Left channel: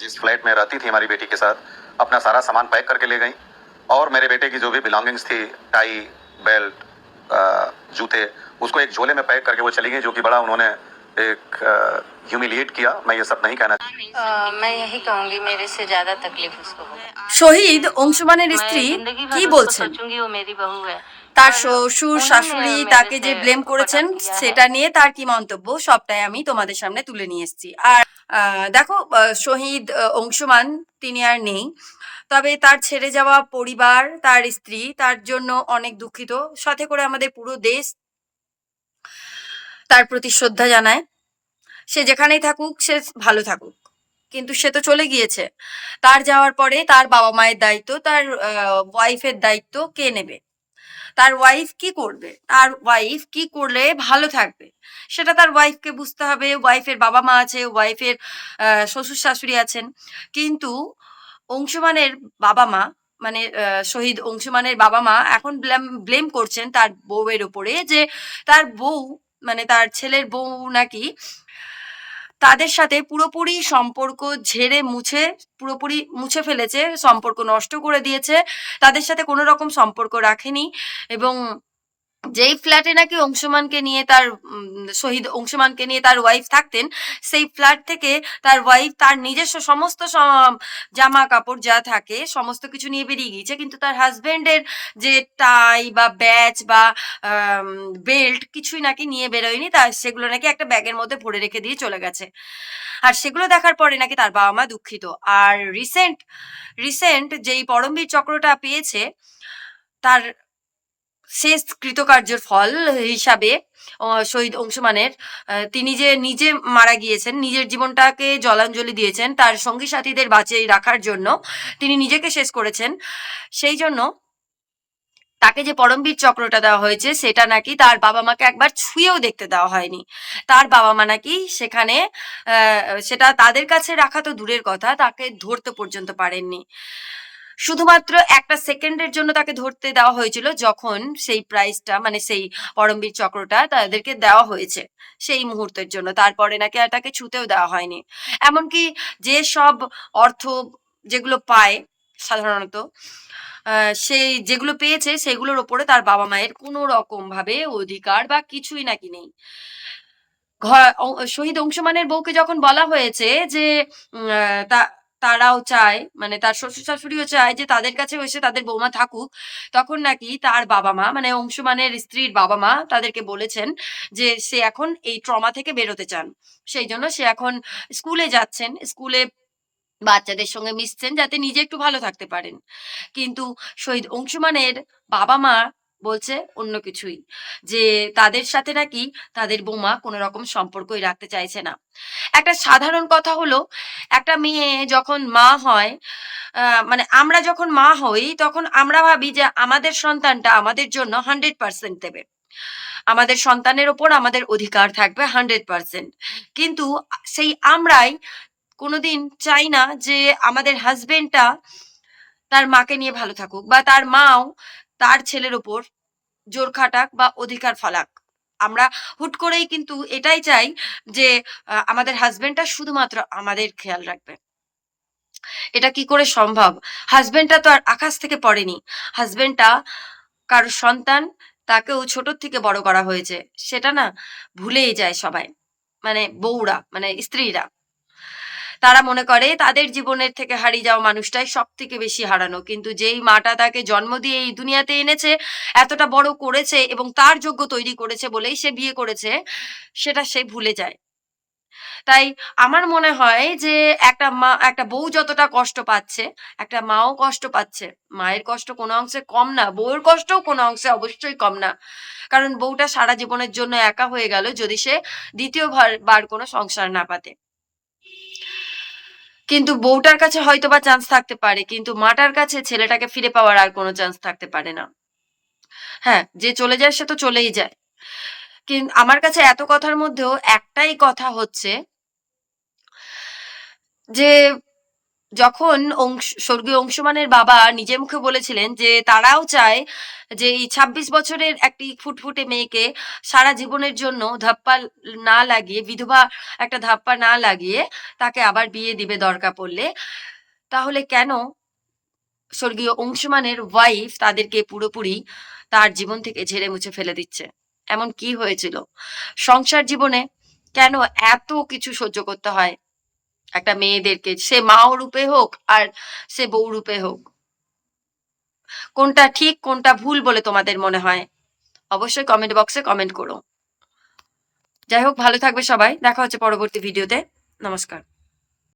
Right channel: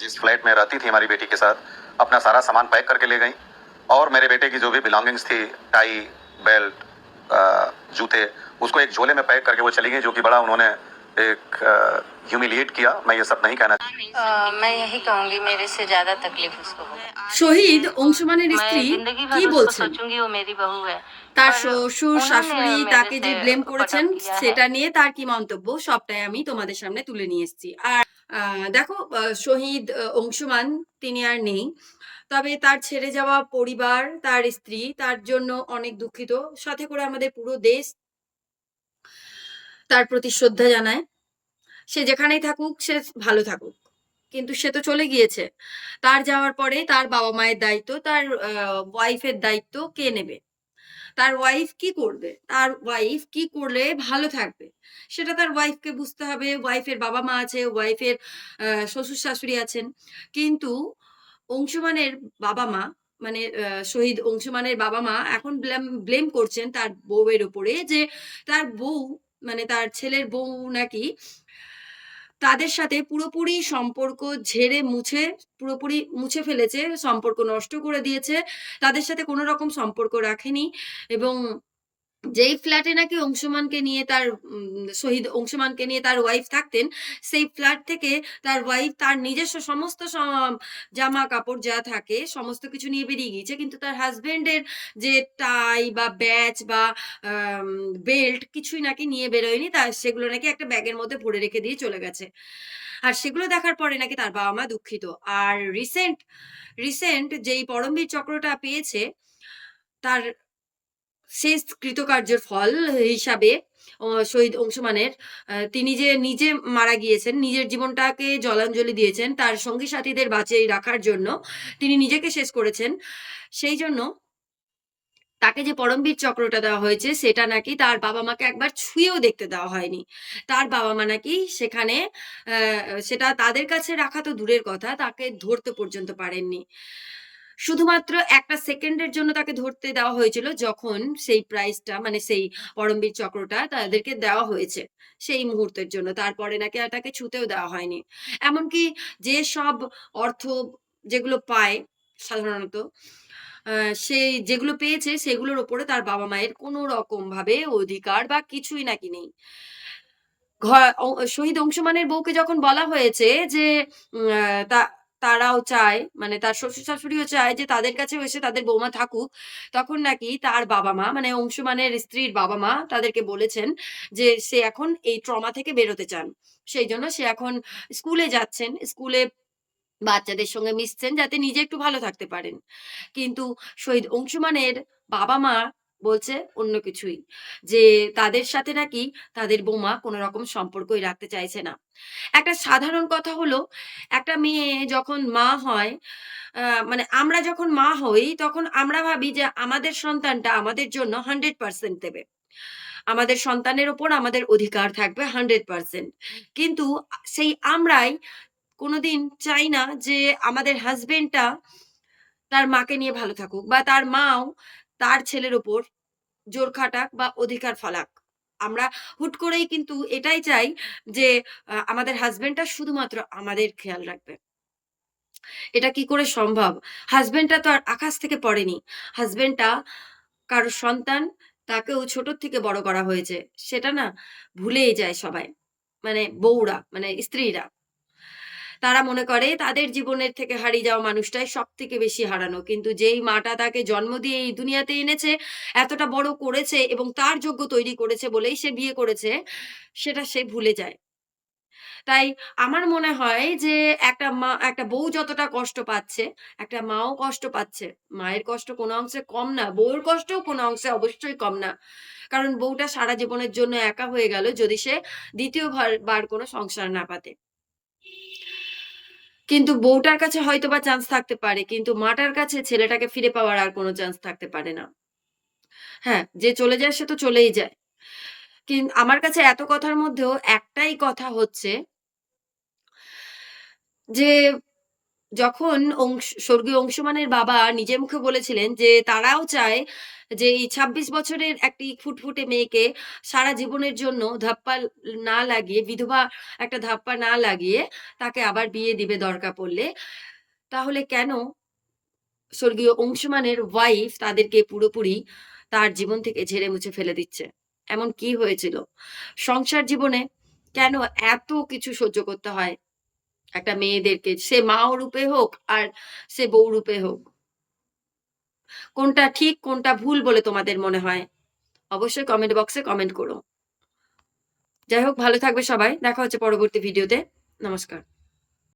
जिस फ्लैट में रहती थी हमारी बेटी के साथ अपना सारा सामान पैक करके ले गई और मेरे बेटे की जो भी बिलोंगिंग्स थी टाई बेल्ट अ, जूते उसको एक झोले में पैक करके वो चली गई जो कि बड़ा उन्होंने एक ह्यूमिलिएट किया मैं ये सब नहीं कहना अ, मैं यही कहूंगी मेरे से ज्यादा तकलीफ उसको हो শহীদ অংশমানের मैं স্ত্রী जिंदगी কি भर उसको বলছেন सोचूंगी वो मेरी बहू है তার पर শ্বশুর उन्होंने শাশুড়ি मेरे তাকে যে से ব্লেম করেছেন कटाव किया है। সেটা নিয়ে তার কি মন্তব্য সবটাই আমি তোমাদের সামনে তুলে নিয়ে এসেছি আর আহ, দেখো শহীদ অংশমান তিনি আর নেই। তবে তার ছেড়ে যাওয়া পরিবার, তার স্ত্রী, তার জন্য অনেক দুঃখিত। সাথে করে আমাদের পুরো দেশ তার প্রতি শ্রদ্ধা জানায়। সে যেখানেই থাকুক, সে ভালো থাকুক। কিন্তু সে তো চলে গিয়েছে। তার যাওয়ার পরে তার বাবা মায়ের দায়িত্ব, তার ওয়াইফের দায়িত্ব কে নেবে? তার ওয়াইফ কি করবে? তার ওয়াইফ কি করলে ভালো থাকবে? সেটা তার ওয়াইফকে বুঝতে হবে। ওয়াইফের বাবা মা আছে ওয়াইফের শ্বশুর শাশুড়ি আছেন। কিন্তু অংশমানের বাবা মা মানে শহীদ অংশমানের বাবা মা এখন ব্লেম ব্লেম করছেন তার বউয়ের উপরে যে তার বউ মানে তার ছেলের বউ নাকি তাদের সাথে পুরোপুরি সম্পর্ক ঝেড়ে মুছে, পুরোপুরি মুছে ফেলেছে, সম্পর্ক নষ্ট করে দিয়েছে, তাদের সাথে কোনো রকম সম্পর্ক রাখেনি এবং যেই ফ্ল্যাটে নাকি অংশমানকে নিয়ে তার শহীদ অংশমানকে নিয়ে তার ওয়াইফ থাকতেন, সেই ফ্ল্যাট থেকে তার ওয়াইফ তার নিজস্ব সমস্ত জামা কাপড় যা থাকে, সমস্ত কিছু নিয়ে বেরিয়ে গিয়েছে। কিন্তু তার হাজবেন্ডের যে টাই বা ব্যাচ বা বেল্ট কিছুই নাকি নিয়ে বেরোয়নি তার সেগুলো নাকি একটা ব্যাগের মধ্যে ভরে রেখে দিয়ে চলে গেছে। আর সেগুলো দেখার পরে নাকি তার বাবা মা দুঃখিত। আর রিসেন্ট রিসেন্ট যেই পরমবীর চক্রটা পেয়েছে, তার শেষ কৃতকার্যের ফল হিসাবে শহীদ অংশমানের তিনি যে নিজে মারা গিয়েছেন, নিজের জীবনটাকে জলাঞ্জলি দিয়েছেন, তার সঙ্গী সাথীদের বাঁচিয়ে রাখার জন্য তিনি নিজেকে শেষ করেছেন। সেই জন্য তাকে যে পরমবীর চক্রটা দেওয়া হয়েছে, সেটা নাকি তার বাবা মাকে একবার ছুঁয়েও দেখতে দেওয়া হয়নি। তার বাবা মা নাকি সেখানে সেটা তাদের কাছে রাখা তো দূরের কথা, তাকে ধরতে পর্যন্ত পারেননি। শুধুমাত্র একটা সেকেন্ডের জন্য তাকে ধরতে দেওয়া হয়েছিল যখন সেই প্রাইজটা মানে সেই পরমবীর চক্রটা তাদেরকে দেওয়া হয়েছে সেই মুহূর্তের জন্য। তারপরে নাকি আর তাকে ছুতেও দেওয়া হয়নি। এমনকি যে সব অর্থ যেগুলো পায় সাধারণত সেই যেগুলো পেয়েছে সেগুলোর ওপরে তার বাবা মায়ের কোনো রকম ভাবে অধিকার বা কিছুই নাকি নেই। শহীদ অংশমানের বউকে যখন বলা হয়েছে যে তা তারাও চায় মানে তার শ্বশুর শাশুড়িও চায় যে তাদের কাছে এসে তাদের বৌমা থাকুক। তখন নাকি তার বাবা মা মানে অংশমানের স্ত্রীর বাবা মা তাদেরকে বলেছেন যে সে এখন এই ট্রমা থেকে বেরোতে চান। সেই জন্য সে এখন স্কুলে যাচ্ছেন। স্কুলে বাচ্চাদের সঙ্গে মিশছেন যাতে নিজে একটু ভালো থাকতে পারেন। কিন্তু শহীদ অংশমানের বাবা মা বলছে অন্য কিছুই। যে তাদের সাথে নাকি তাদের বৌমা কোনো রকম সম্পর্কই রাখতে চাইছে না। একটা সাধারণ কথা হলো একটা মেয়ে যখন মা হয় মানে আমরা যখন মা হই তখন আমরা ভাবি যে আমাদের সন্তানটা আমাদের জন্য হান্ড্রেড পার্সেন্ট দেবে। আমাদের সন্তানের ওপর আমাদের অধিকার থাকবে হান্ড্রেড পার্সেন্ট কিন্তু সেই আমরাই কোনোদিন চাই না যে আমাদের হাজবেন্ডটা তার মাকে নিয়ে ভালো থাকুক বা তার মাও তার ছেলের ওপর জোর খাটাক বা অধিকার ফলাক। আমরা হুট করেই কিন্তু এটাই চাই যে আমাদের হাজবেন্ডটা শুধুমাত্র আমাদের খেয়াল রাখবে। এটা কি করে সম্ভব? হাজবেন্ডটা তো আর আকাশ থেকে পড়েনি। হাজবেন্ডটা কারও সন্তান, তাকেও ছোট থেকে বড় করা হয়েছে। সেটা না ভুলেই যায় সবাই। মানে বউরা মানে স্ত্রীরা। তারা মনে করে, তাদের জীবনের থেকে হারিয়ে যাওয়া মানুষটাই সব থেকে বেশি হারানো। কিন্তু যেই মাটা তাকে জন্ম দিয়ে এই দুনিয়াতে এনেছে, এতটা বড় করেছে এবং তার যোগ্য তৈরি করেছে বলেই সে বিয়ে করেছে, সেটা সে ভুলে যায়। তাই আমার মনে হয় যে একটা মা, একটা বউ যতটা কষ্ট পাচ্ছে, একটা মাও কষ্ট পাচ্ছে। মায়ের কষ্ট কোনো অংশে কম না, বউয়ের কষ্টও কোনো অংশে অবশ্যই কম না। কারণ বউটা সারা জীবনের জন্য একা হয়ে গেল যদি সে দ্বিতীয় বার- বার কোনো সংসার না পাতে। কিন্তু বউটার কাছে হয়তো বা চান্স থাকতে পারে, কিন্তু মাটার কাছে ছেলেটাকে ফিরে পাওয়ার আর কোনো চান্স থাকতে পারে না। হ্যাঁ যে চলে যায় সে তো চলেই যায়। কিন্তু আমার কাছে এত কথার মধ্যেও একটাই কথা হচ্ছে যে যখন অংশ, স্বর্গীয় অংশুমানের বাবা নিজে মুখে বলেছিলেন যে তারাও চায় যে এই ছাব্বিশ বছরের একটি ফুটফুটে মেয়েকে সারা জীবনের জন্য ধাপ্পা না লাগিয়ে, বিধবা একটা ধাপ্পা না লাগিয়ে তাকে আবার বিয়ে দিবে দরকার পড়লে। তাহলে কেন স্বর্গীয় অংশুমানের ওয়াইফ তাদেরকে পুরোপুরি তার জীবন থেকে ঝেড়ে মুছে ফেলে দিচ্ছে? এমন কি হয়েছিল? সংসার জীবনে কেন এত কিছু সহ্য করতে হয়? একটা মেয়েদেরকে, সে মাও রূপে হোক আর সে বউ রূপে হোক। কোনটা ঠিক, কোনটা ভুল বলে তোমাদের মনে হয়? অবশ্যই কমেন্ট বক্সে কমেন্ট করো। যাই হোক, ভালো থাকবে সবাই। দেখা হচ্ছে পরবর্তী ভিডিওতে নমস্কার।